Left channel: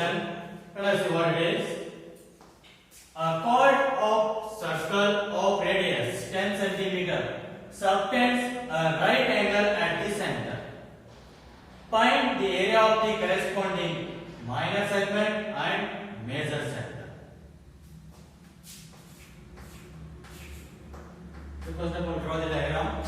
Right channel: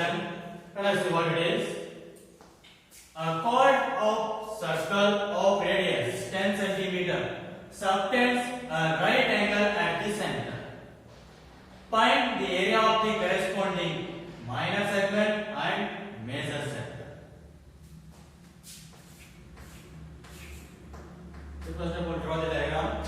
question. Let us see what it is. A chord of circle of radius 10 centimeter subtends a right angle at the center. Find the area of the corresponding minor segment and major sector. So first of all, draw the diagram.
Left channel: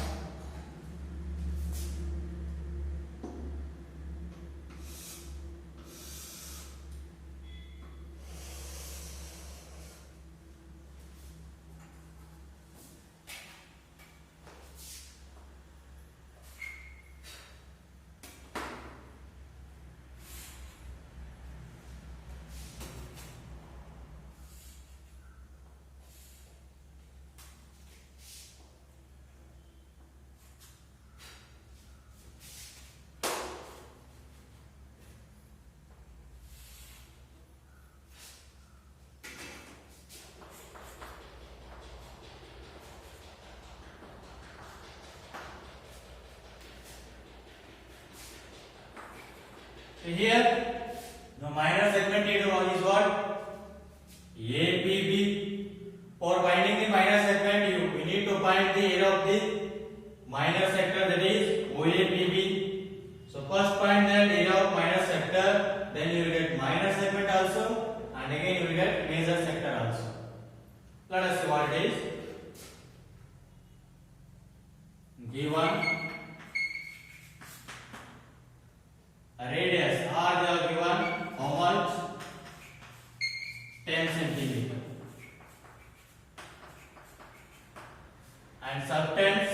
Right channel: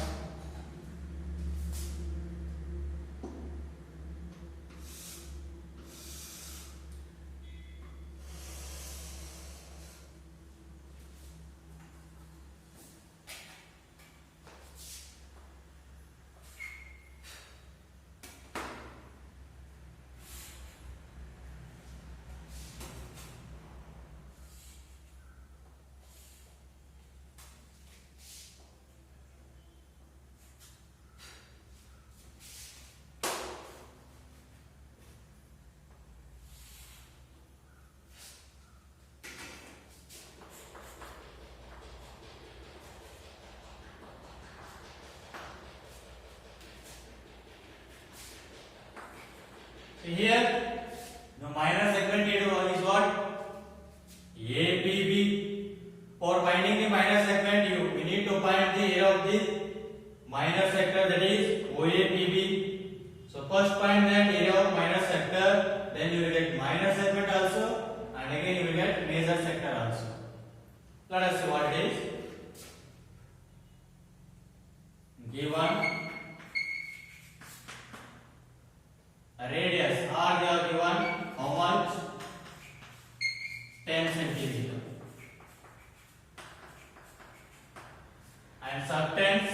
So here the minor segment is what? ABB. For finding the minor segment, we need to find the area of the minor sector, that is OABB. So first find the area of minor sector, then you will get minor segment also, and again you will get major sector also. Let us see what it is. Given radius R, they are given how much? 10 centimeter. And subtends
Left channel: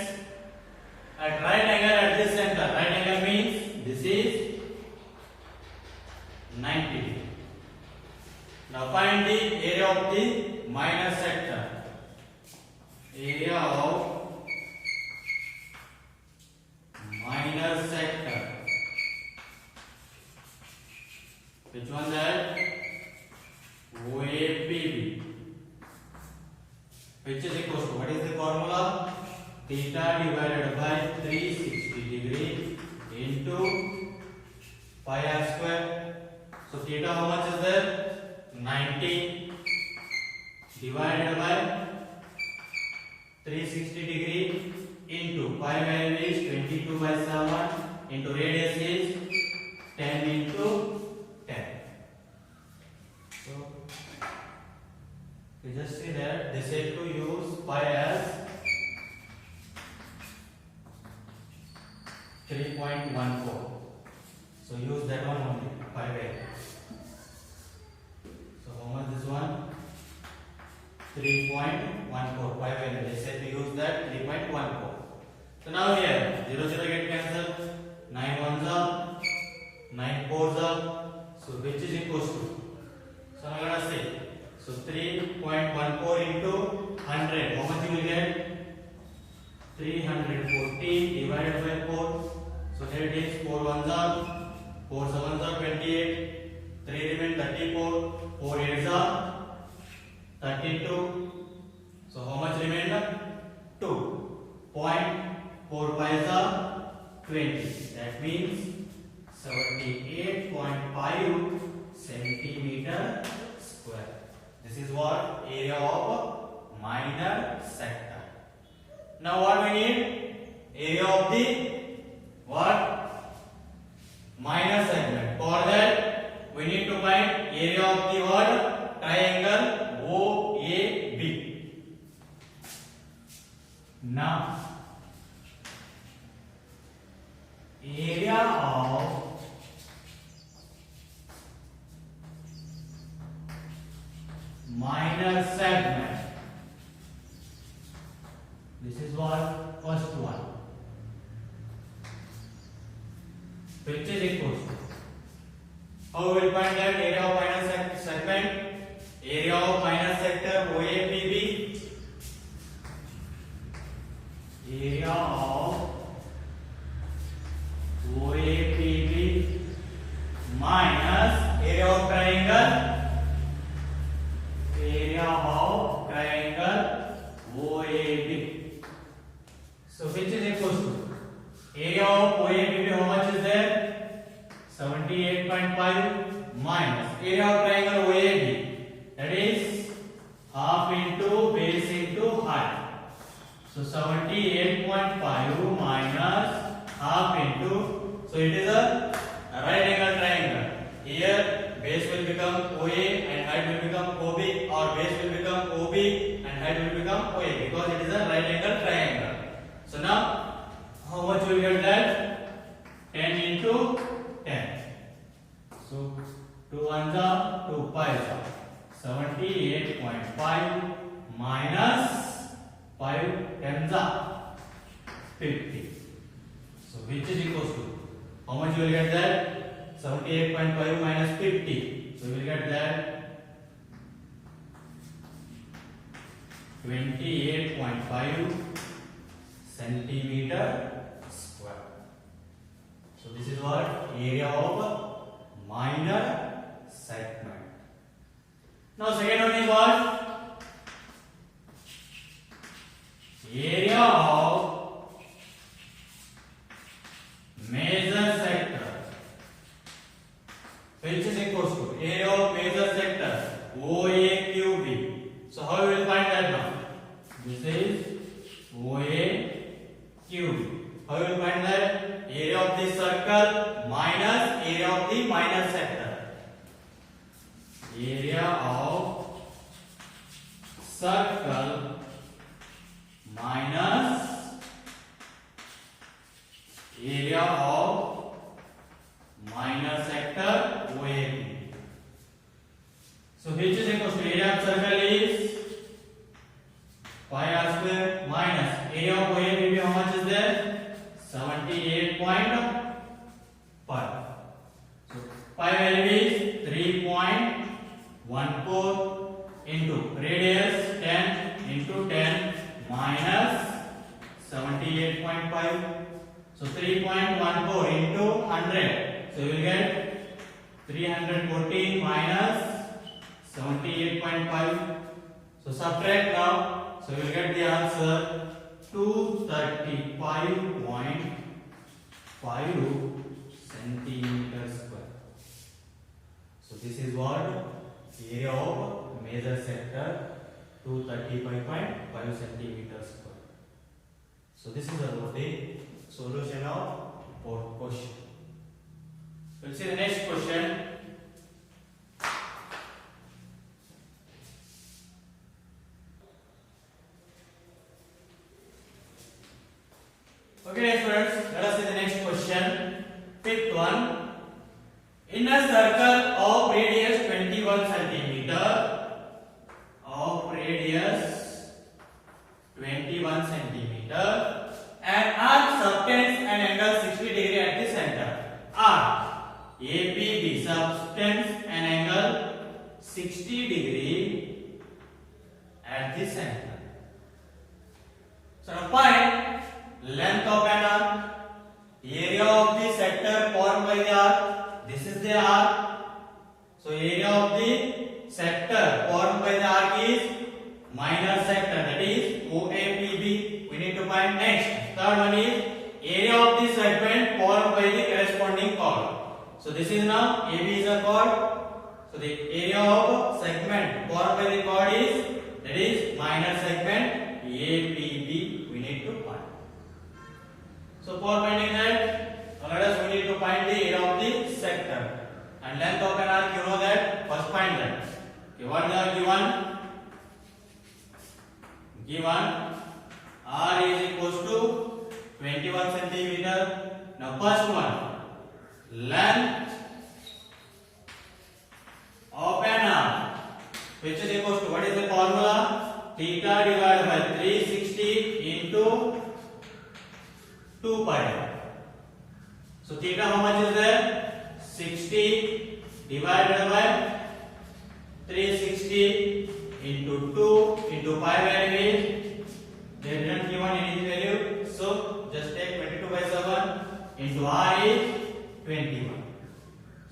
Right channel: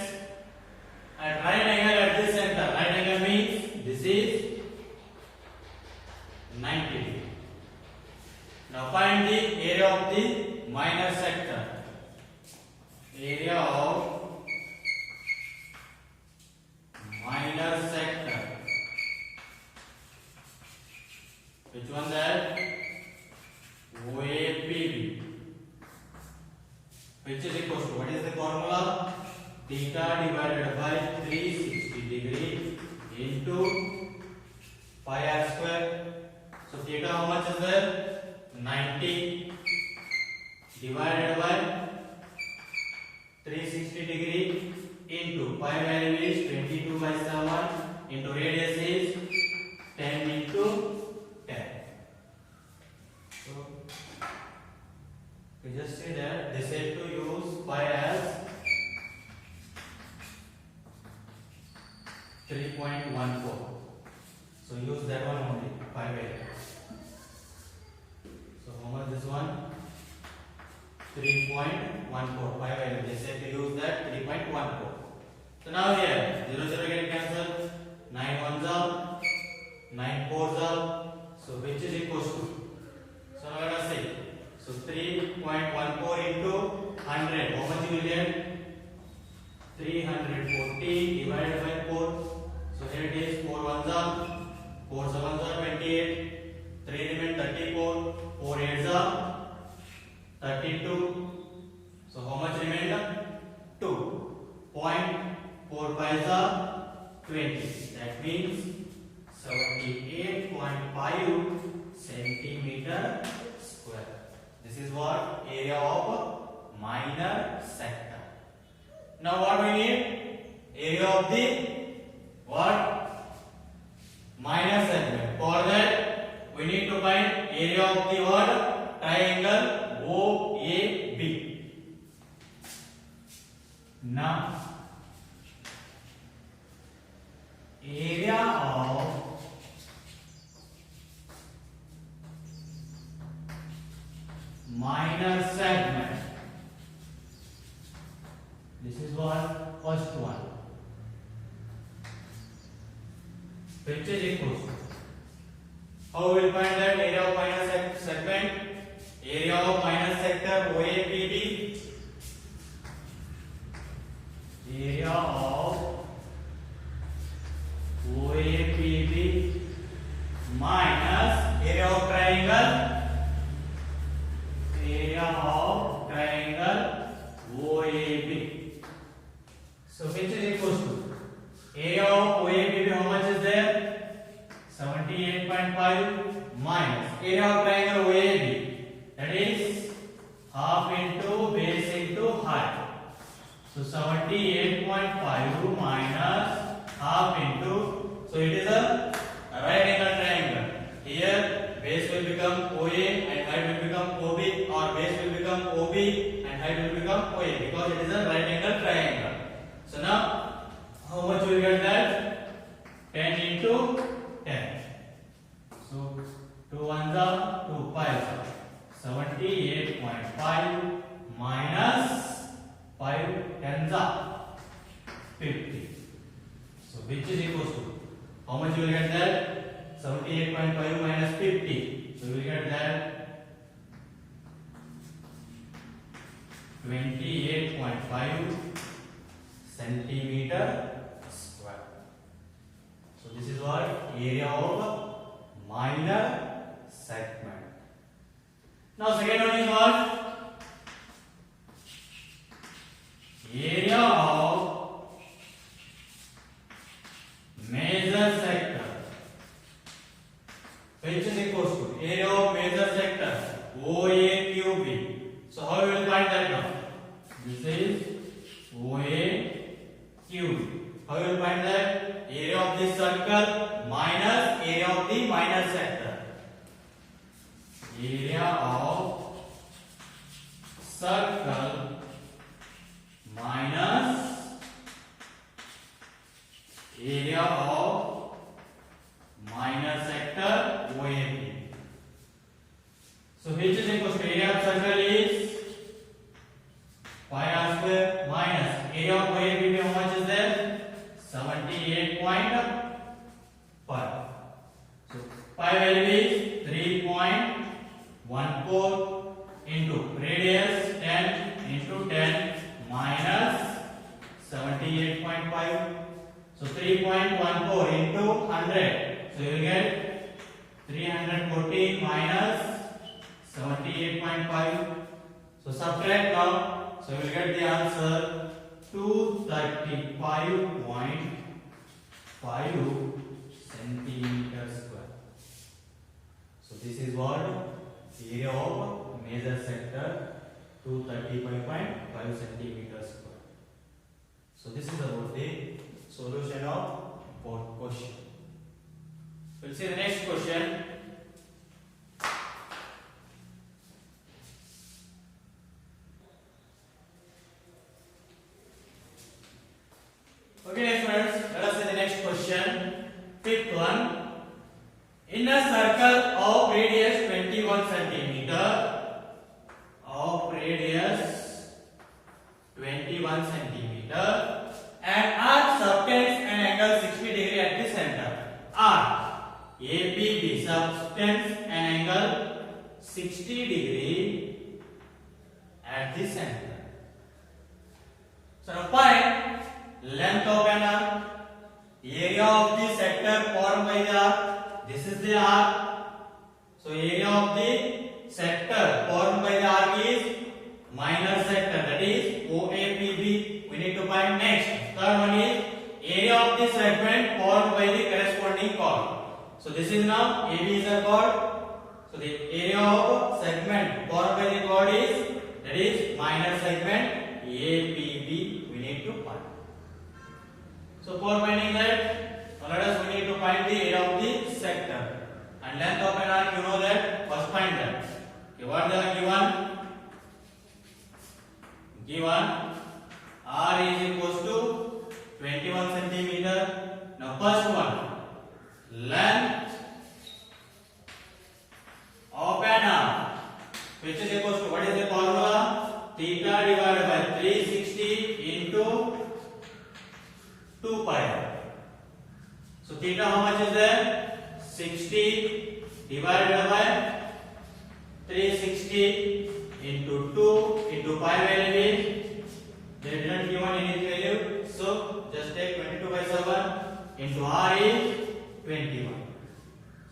at right angle at this center. Right angle means this is 90 degree. Now find the area of the minor sector. Area of minor sector. Which one that? OABB. Which is equal to, what is the formula? Theta divided by 360 degree into pi r square. So theta how much is there? 90 divided by 360 degree into pi value is 22 by 7 into radius is 10 into 10. So we just see that they said to use pi as 3.14. So use that one only, pi value. So how much this one? 3.14 pi value. They said to use that 3.14. So now here 0 0 get cancelled. 9 1s are 9 4s are. So which is equals to? So now let us say. So 3.14 into 100. How much you will get? 314 divided by 4. So here it is 4 1s are 4 7s are 28. 3 remain 34. 4 8s are 32. So how much remained? 2.45 are 20. That means 78.5 centimeter square. This is what? Area of minor sector. Now what we need? Area of the what? Minor segment. For that we need to find area of the what? Triangle OAB. Now area of minor segment. This is what? First one. Which is equal to? How we will find that area of minor segment? Area of minor sector OABB. Area of OABB minus area of triangle. Area of triangle OAB. So which is equal to area of OABB? How much is there? 78 78.5 minus area of triangle OAB, that is half into base into height. So 78.5 minus half into, so it is a right angle triangle. Here base will become OA and height will become OB, or base will become OB and height will become OA, because it is a right angle triangle. So now how much we will get that? 10 into 10. So 2 ones are 2 5s are 78.5 minus 5 tens are 50. So which is equals to, how much you will get that? 78.5 minus 50. So you will get that 28.5 centimeter square. So this is what area of minor segment. Now second one is what? Area of major sector, which is equals to area of major sector OAQB. So how we will find that now? This is OAQB. How you will find that? Area of this circle minus area of the minor sector. Area of circle minus area of minor sector OAB. So which is equal to area of circle is pi r square minus area of OAB. How much is there? 78.5. So pi value is 3.14 into radius 10 into 10 minus 78.5. So 3.14 into 100. So you will get 314 minus 78.5. So subtract now. So you will get the answer 235.5 centimeter square. So this is what area of major sector, 235.5 centimeter square. So this is about the solution of both question. We'll see the next question. Okay students, let us see the next question. Fifth one. In a circle of radius 21 centimeter, an arc subtends an angle 60 degree at the center. Arc ABB subtends an angle 60 degree at the center. So now find length of an arc, area of the sector formed by the arc. This is the arc. So area of the sector formed by the arc is minor sector, that is OAPB. We need to find next. Third one is area of the segment formed by the corresponding chord. So this is now AB is a chord. So the area of segment formed by the chord is, that is minor segment APB. We need to find. So for finding that, let us we need to find the area of the sector. And length of an arc, you know that. First find that. Okay, what is the given? Given R is equals to 21 centimeter. Now first one, length of an arc, which is equals to, what is the formula? Theta divided by 360 into 2 pi r. So theta how much is there? 60 divided by 360 into 2 into pi value is, they didn't given any value, so just take 22 by 7 into r is 21.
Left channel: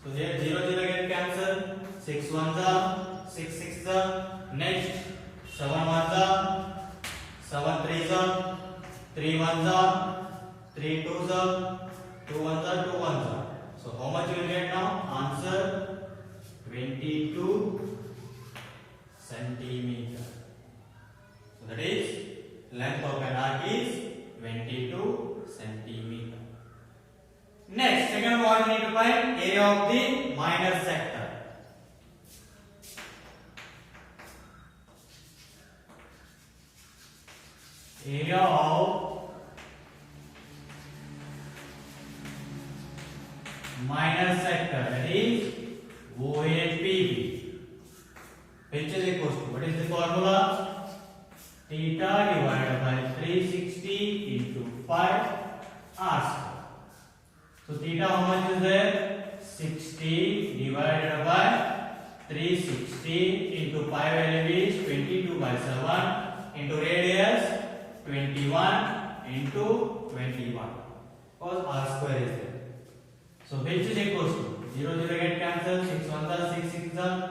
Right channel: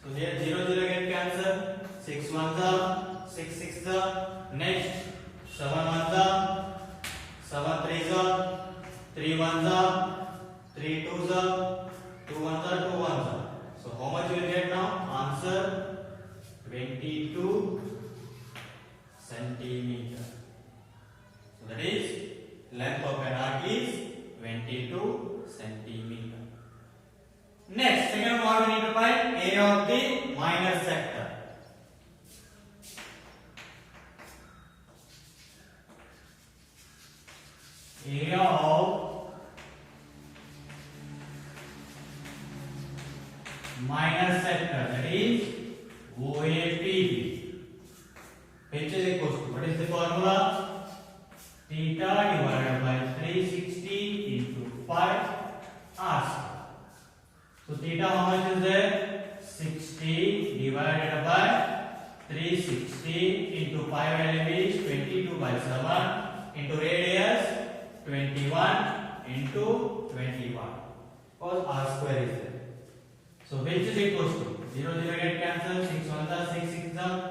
So here 0 0 get cancelled, 6 ones are 6 6 are, next 7 ones are 7 3s are, 3 ones are 3 2s are, 2 ones are 2 ones are. So So how much you will get now? Answer 22 centimeter. So that is length of an arc is 22 centimeter. Next, second one we need to find area of the minor sector. Area of minor sector, that is OAPB, which is equal to, what is the formula? Theta divided by 360 into 5 r square. So theta how much is there? 60 divided by 360 into 5 value is 22 by 7 into radius 21 into 21. Because r square is there. So which is equal to 0 0 get cancelled, 6 1 are 6 6 are.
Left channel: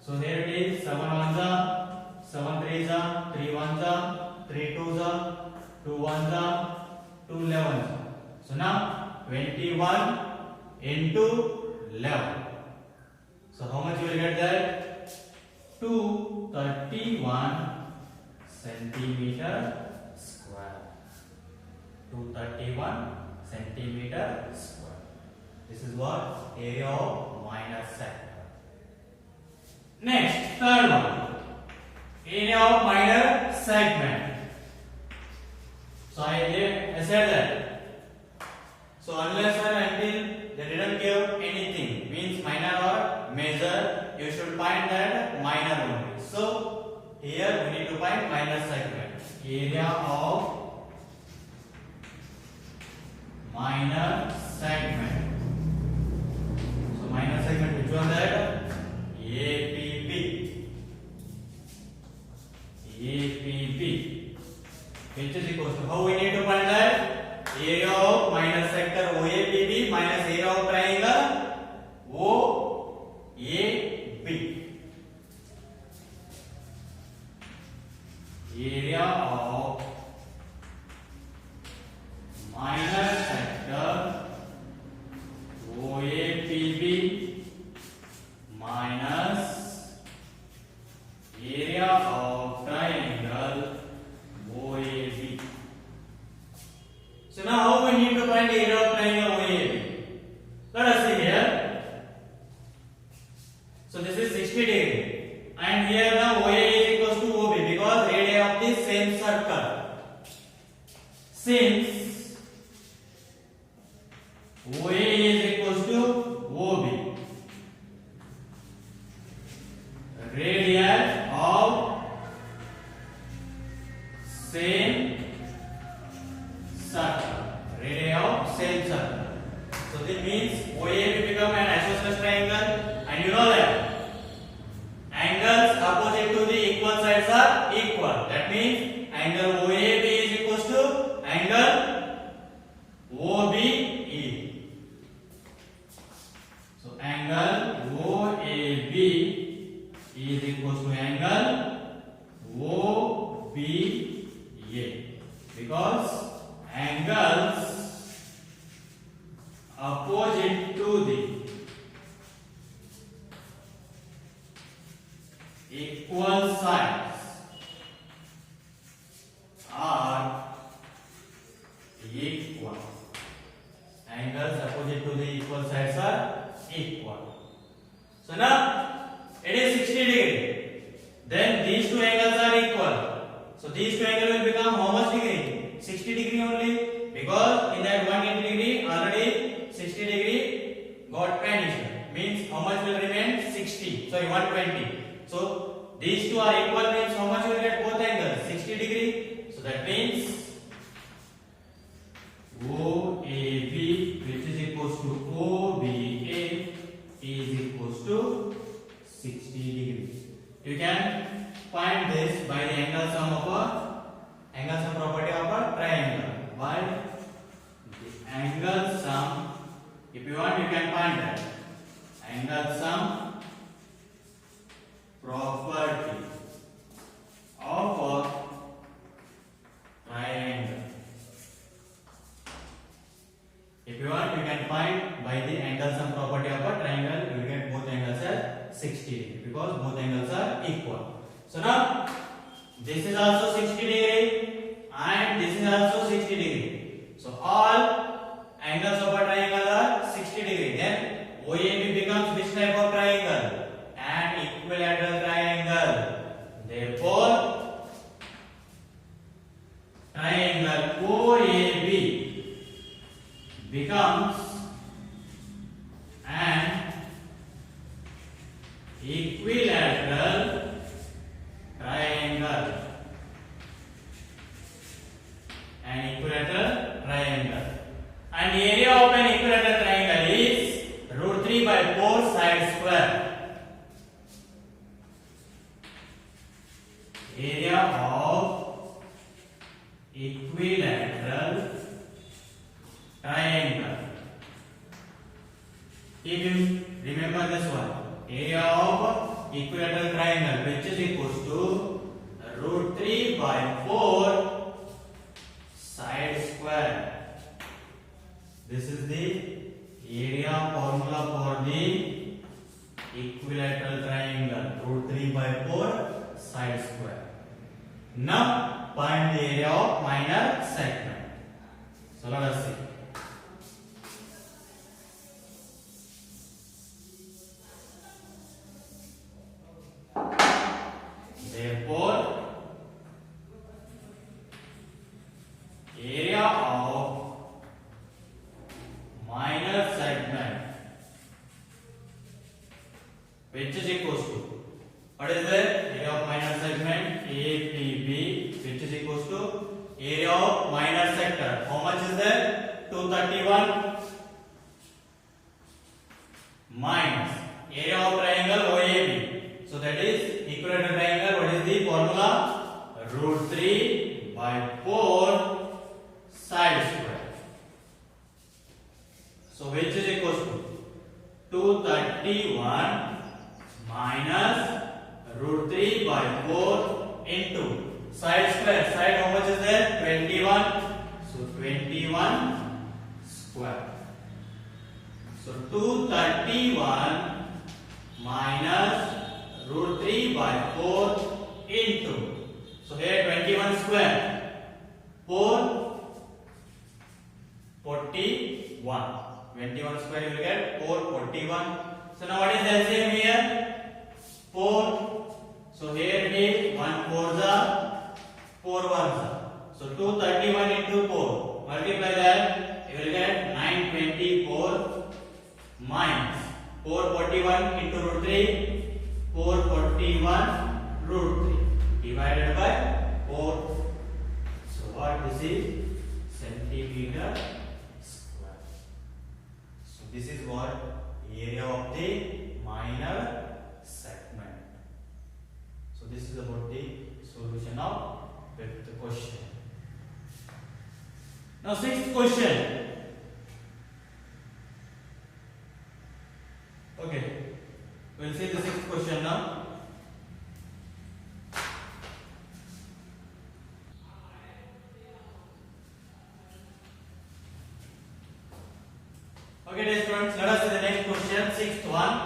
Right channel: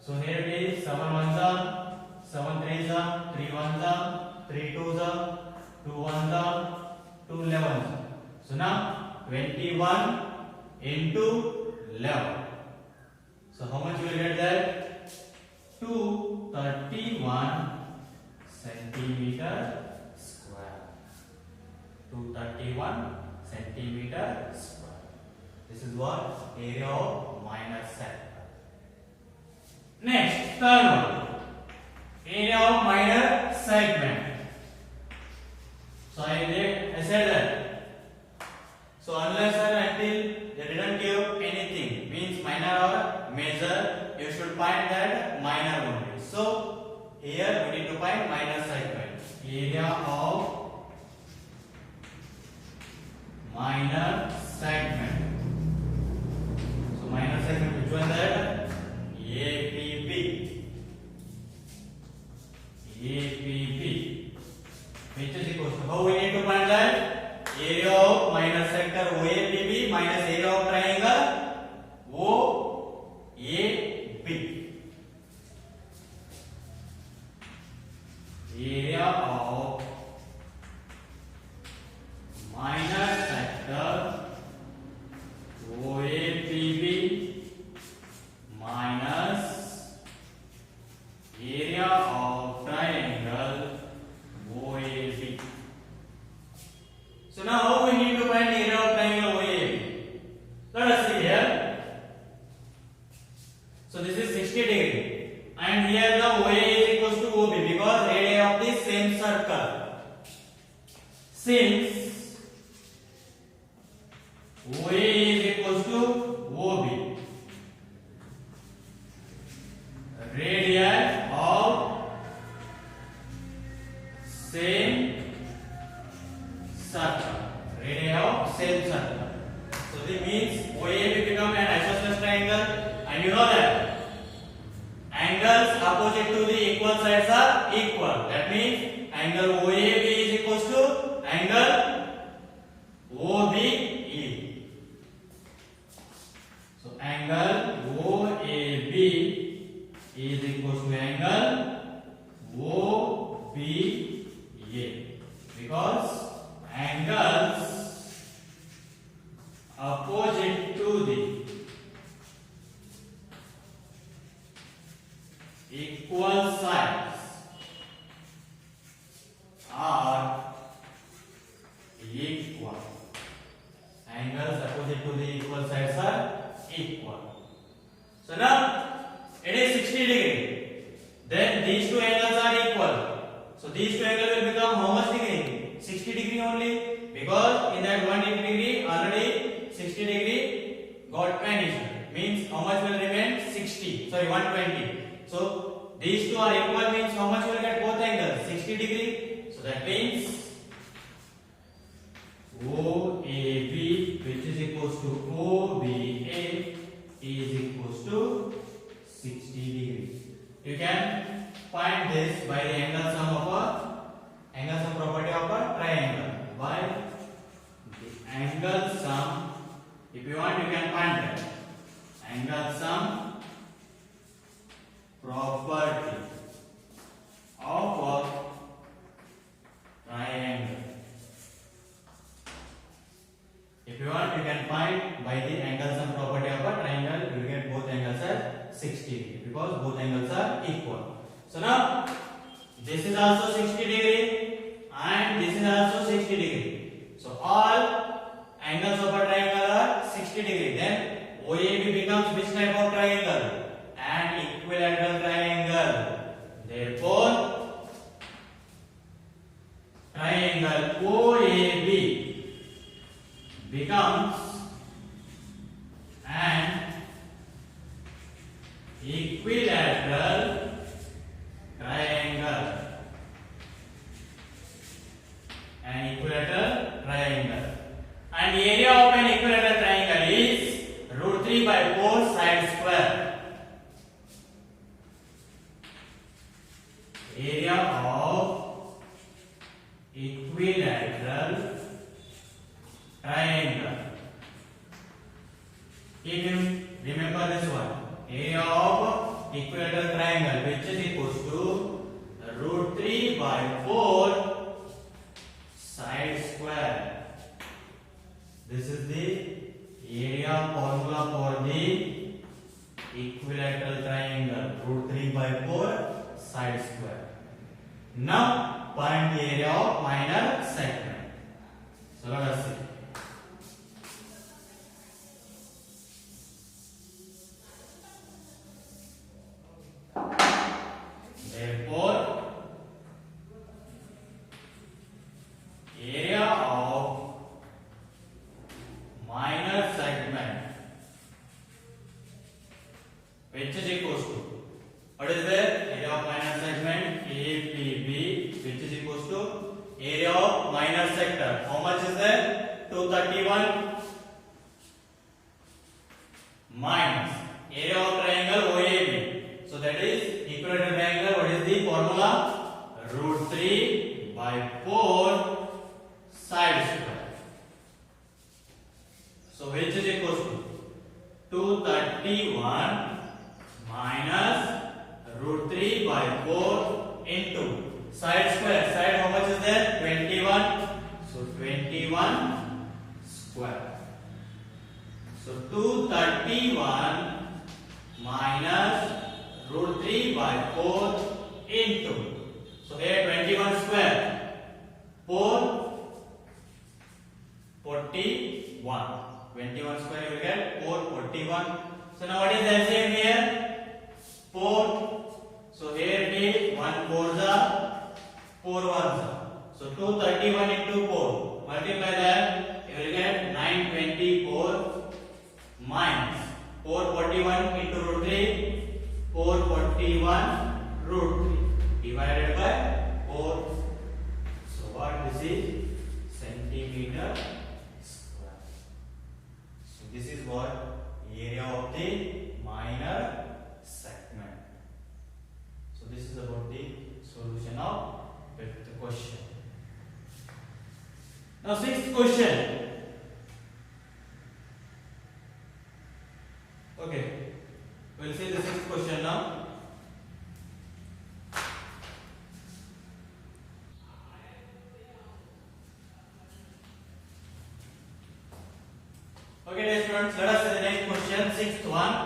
So here it is 7 1 are 7 3 are 3 1 are 3 2 are 2 1 are 2 11. So now 21 into 11. So how much you will get there? 231 centimeter square. 231 centimeter square. This is what? Area of minor sector. Next, third one. Area of minor segment. So I said that. So unless or until they didn't give anything, means minor or major, you should find that minor only. So here we need to find minor segment. Area of minor segment. So minor segment, which one that? APB. APB. Which is equal to, how we need to find that? Area of minor sector OAPB minus area of triangle OAB. Area of minor sector OAPB minus area of triangle OAB. So now how we need to find area of triangle OAB? Let us see here. So this is 60 degree and here the OA is equals to OB because radii of the same circle. Since OA is equals to OB, radii of same circle. Radii of same circle. So this means OA will become an isosceles triangle, and you know that angles opposite to the equal sides are equal. That means angle OAB is equals to angle OBE. So angle OAB is equals to angle OBA because angles opposite to the equal sides are equal. Angles opposite to the equal sides are equal. So now it is 60 degree. Then these two angles are equal. So these two angles will become how much degree? 60 degree only, because in that 180 degree already 60 degree got vanished. Means how much will remain? 60. Sorry, 120. So these two are equal means how much you will get both angles? 60 degree. So that means OAB, which is equals to OBA, is equals to 60 degree. You can find this by the angle sum property of a triangle. By the angle sum, if you want, you can find that angle sum property of a triangle. If you want, you can find by the angle sum 60 degree because both angles are equal. So now this is also 60 degree and this is also 60 degree. So all angles of a triangle are 60 degree. Then OAB becomes which type of triangle? An equilateral triangle. Therefore triangle OAB becomes an equilateral triangle. An equilateral triangle. And the area of an equilateral triangle is root 3 by 4 side square. Area of equilateral triangle. Remember this one. Area of equilateral triangle which is equals to root 3 by 4 side square. This is the area formula for the equilateral triangle, root 3 by 4 side square. Now find the area of minor segment. So let us see. Therefore, area of minor segment which is equals to, what is that? Area of minor segment APB which is equals to area of minor sector. How much is that? 231 minus area of triangle OAB. So that is equilateral triangle. What is the formula? Root 3 by 4 side square. So which is equals to 231 minus root 3 by 4 into side square. Side how much is there? 21. So 21 square. So 231 minus root 3 by 4 into, so here 21 square, 441. 21 square you will get 441. So now what is the LCM here? 4. So here it is 1 4s are 4 1s are. So 231 into 4. Multiply that, you will get 924 minus 441 into root 3. 441 root 3 divided by 4. So what this is? Centimeter square. So this is what area of the minor segment. So this is about the solution of the question. Now sixth question. Okay. We'll see the sixth question now. Okay, dear students, let us see the next question, sixth one.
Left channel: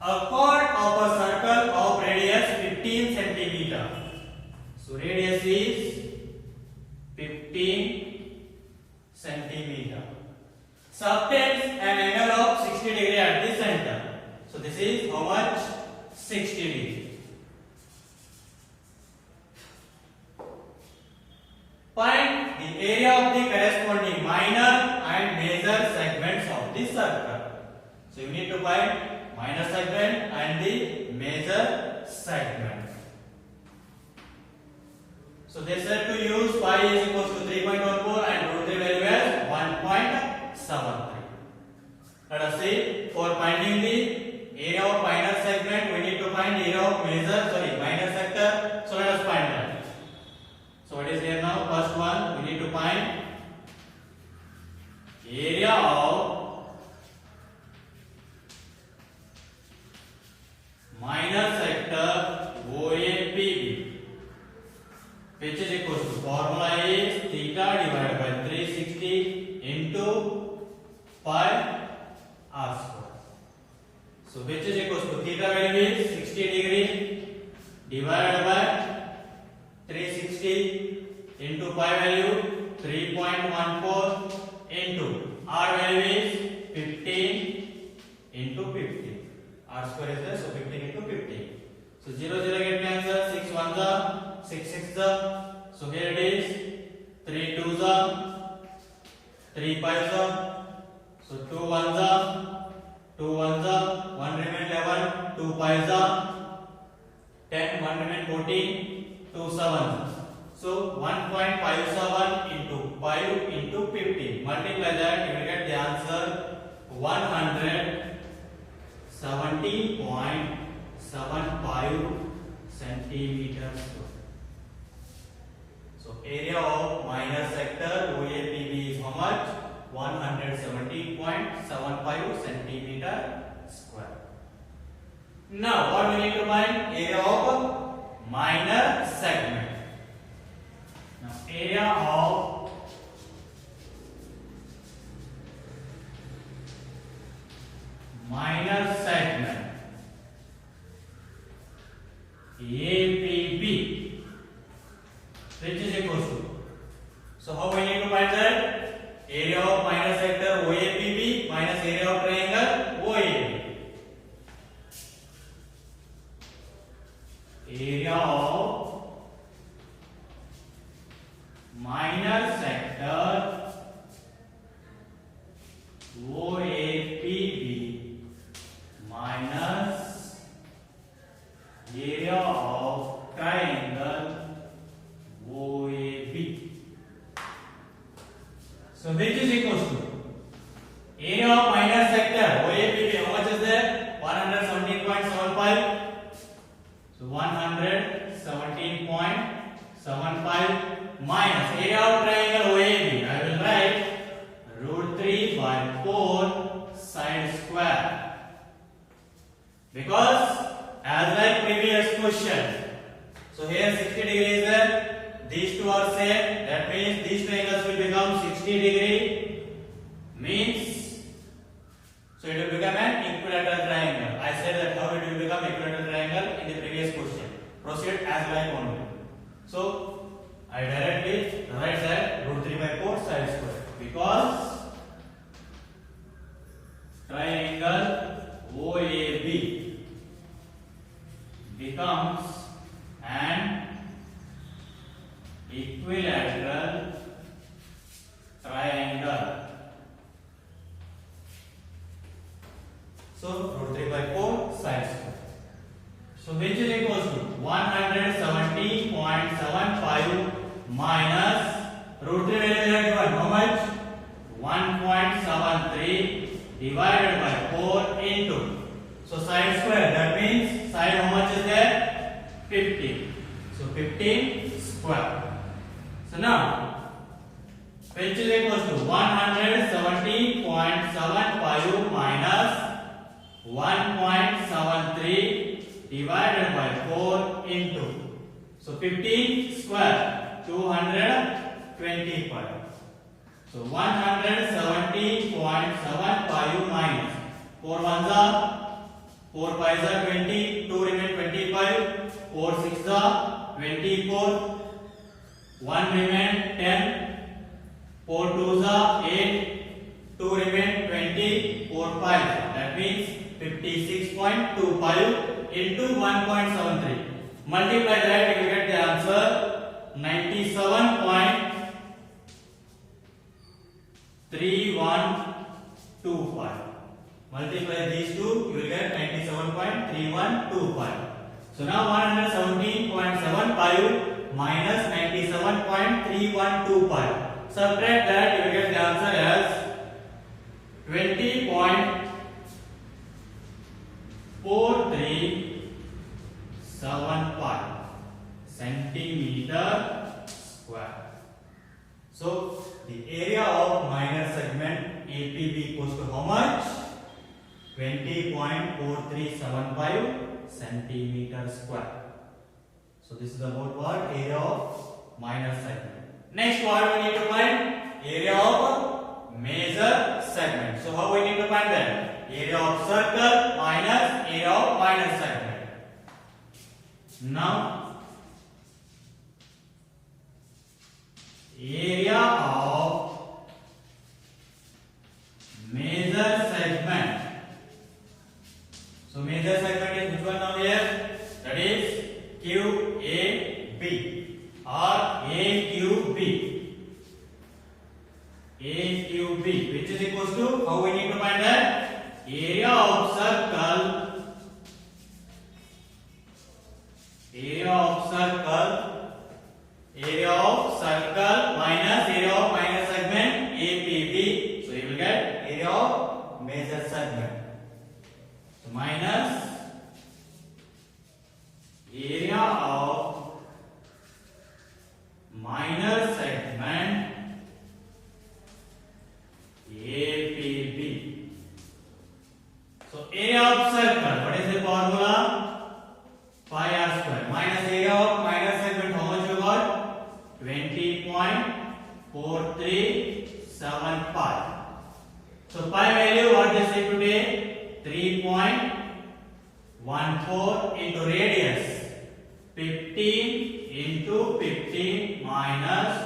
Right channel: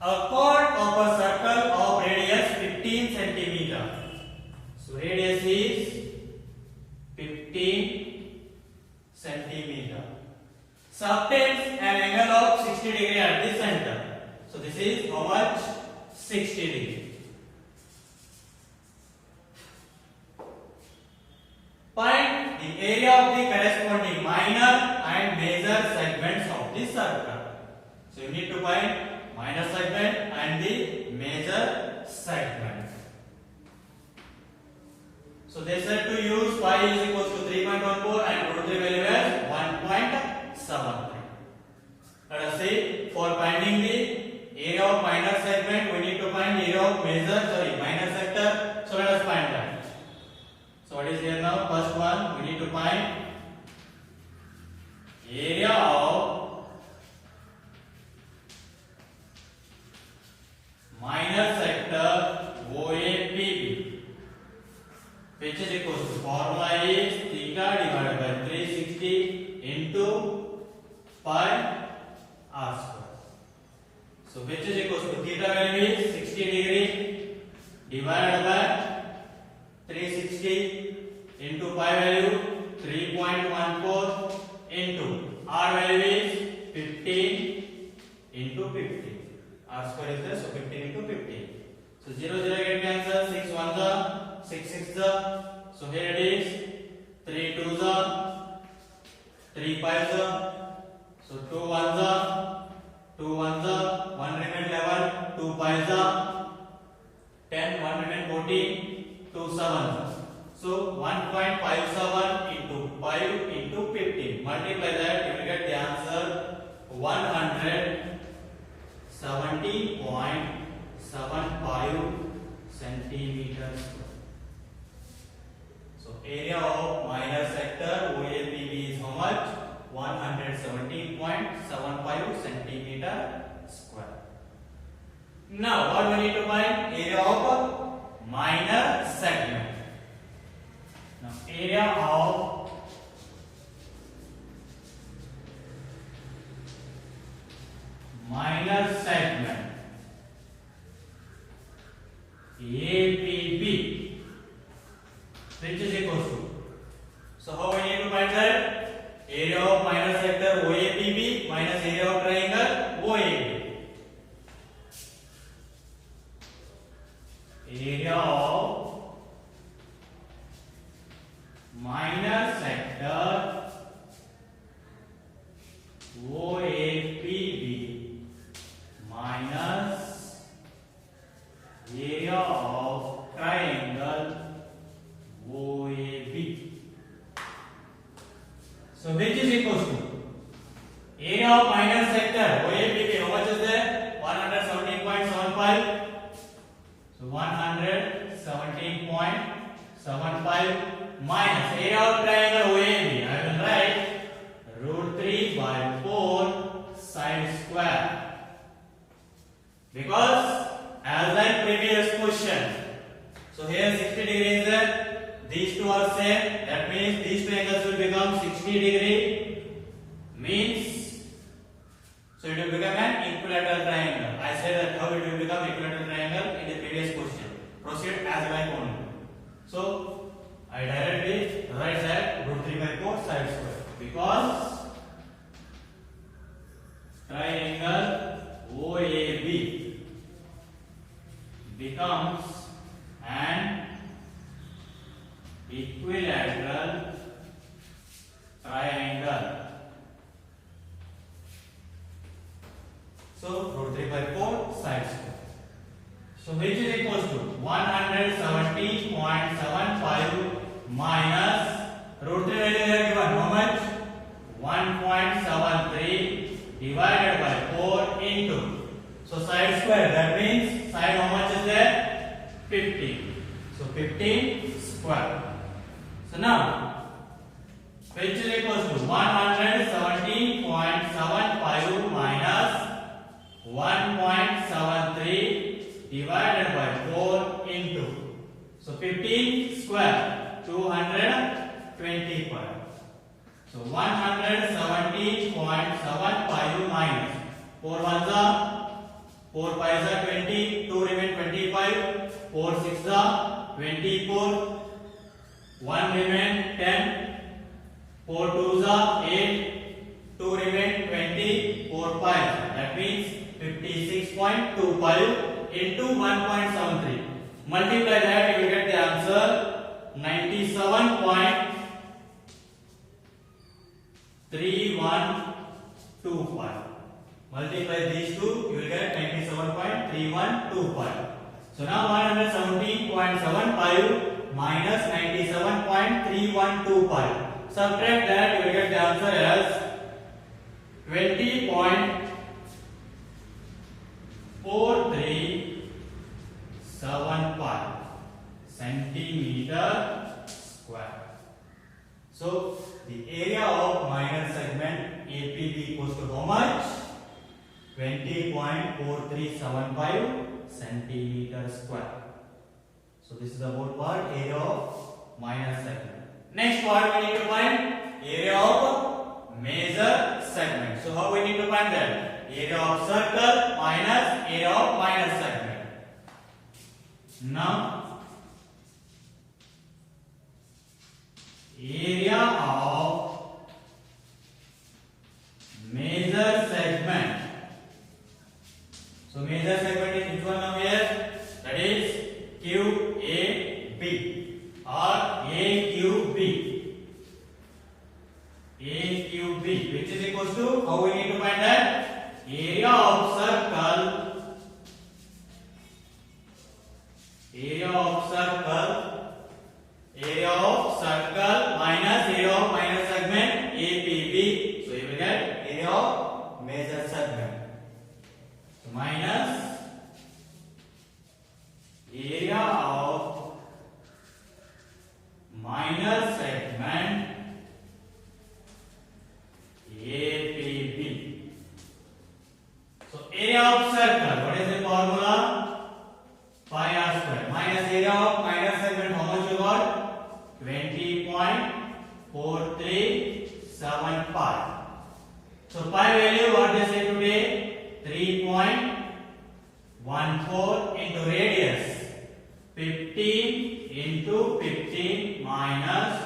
A chord of a circle of radius 15 centimeter. So radius is 15 centimeter. Subtends an angle of 60 degree at the center. So this is how much? 60 degree. Find the area of the corresponding minor and major segments of the circle. So you need to find minor segment and the major segment. So they said to use pi is equals to 3.14 and root 3 value as 1.73. Let us see, for finding the area of minor segment, we need to find area of minor sector. So let us find that. So what is here now? First one, we need to find area of minor sector OAPB, which is equals to, formula is theta divided by 360 into pi r square. So which is equals to theta value is 60 degree divided by 360 into pi value 3.14 into r value is 15 into 15. R square is there, so 15 into 15. So 0 0 get cancel, 6 1 the, 6 6 the. So here it is 3 2 the, 3 5 the. So 2 1 the, 2 1 the, 1 remain 11, 2 5 the, 10, 1 remain 14, 2 7. So 1.57 into 5 into 15. Multiply that, you will get the answer 170.75 centimeters. So area of minor sector OAPB is how much? 170.75 centimeter square. Now what we need to find? Area of minor segment. Now area of minor segment APB, which is equals to. So how we need to find that? Area of minor sector OAPB minus area of triangle OAB. Area of minor sector OAPB minus area of triangle OAB. So which is equals to area of minor sector OAPB. How much is there? 117.75. So 117.75 minus area of triangle OAB. I will write root 3 by 4 side square. Because as like previous question, so here 60 degree is there. These two are same. That means these two angles will become 60 degree. Means so it will become an equilateral triangle. I said that how it will become equilateral triangle in the previous question. Proceed as like only. So I directly write that root 3 by 4 side square because triangle OAB becomes an equilateral triangle. So root 3 by 4 side square. So which is equals to 170.75 minus root 3 value is given how much? 1.73 divided by 4 into. So side square, that means side how much is there? 15. So 15 square. So now which is equals to 170.75 minus 1.73 divided by 4 into. So 15 square 225. So 170.75 minus 4 ones are 4 5s are 20, 2 remain 25, 4 6s are 24, 1 remain 10, 4 2s are 8, 2 remain 20, 4 5. That means 56.25 into 1.73. Multiply that, you will get the answer 97.3125. Multiply these two, you will get 97.3125. So now 117.75 minus 97.3125. Subtract that, you will get the answer as 20.4375 centimeter square. So the area of minor segment APB equals to how much? 20.4375 centimeter square. So this is about what? Area of minor segment. Next what we need to find? Area of major segment. So how we need to find that? Area of circle minus area of minor segment. Now area of major segment. So major segment is which one now here? That is QAB or AQB. AQB, which is equals to, how we need to find that? Area of circle. Area of circle. Area of circle minus area of minor segment APB. So you will get area of major segment. So minus area of minor segment APB. So area of circle, what is the formula? Pi r square minus area of minor segment, how much you got? 20.4375. So pi value, what they say today? 3.14 into radius. 15 into 15 minus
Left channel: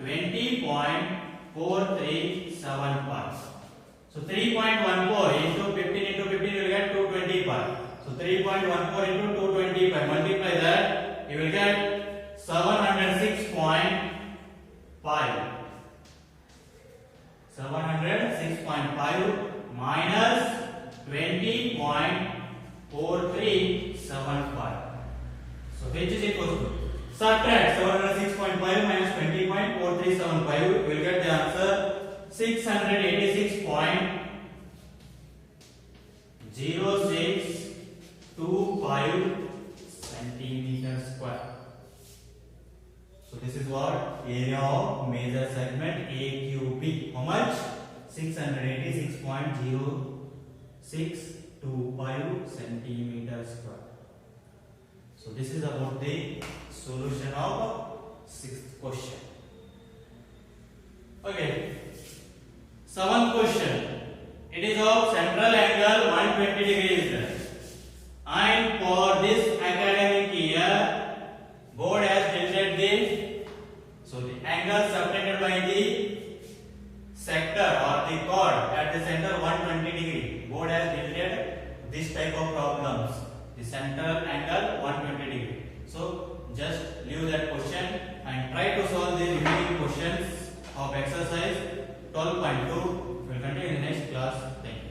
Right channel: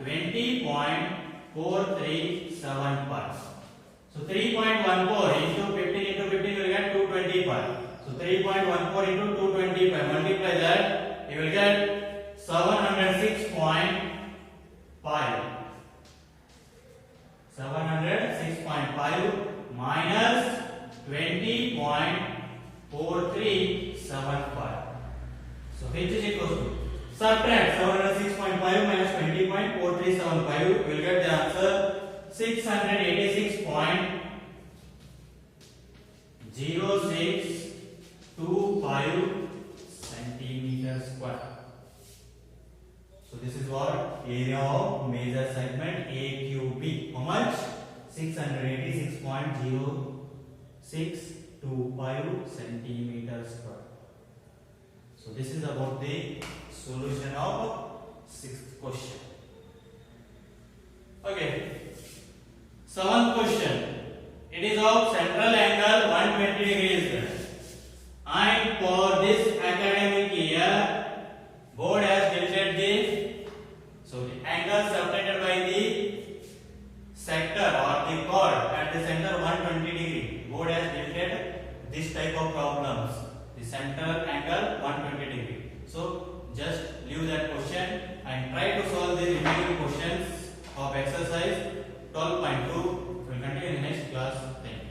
20.4375. So 3.14 into 15 into 15 you will get 225. So 3.14 into 225, multiply that, you will get 706.5. 706.5 minus 20.4375. So H is equals to, subtract 706.5 minus 20.4375, we will get the answer 686.0625 centimeters square. So this is what area of major segment AQB. How much? 686.0625 centimeters square. So this is about the solution of sixth question. Okay. Seventh question. It is of central angle 120 degrees. And for this academic year, board has tilted the, so the angle subtended by the sector or the chord at the center 120 degree. Board has tilted this type of problems. The center angle 120 degree. So just leave that question and try to solve the remaining questions of exercise 12.2. We will continue in the next class. Thank you.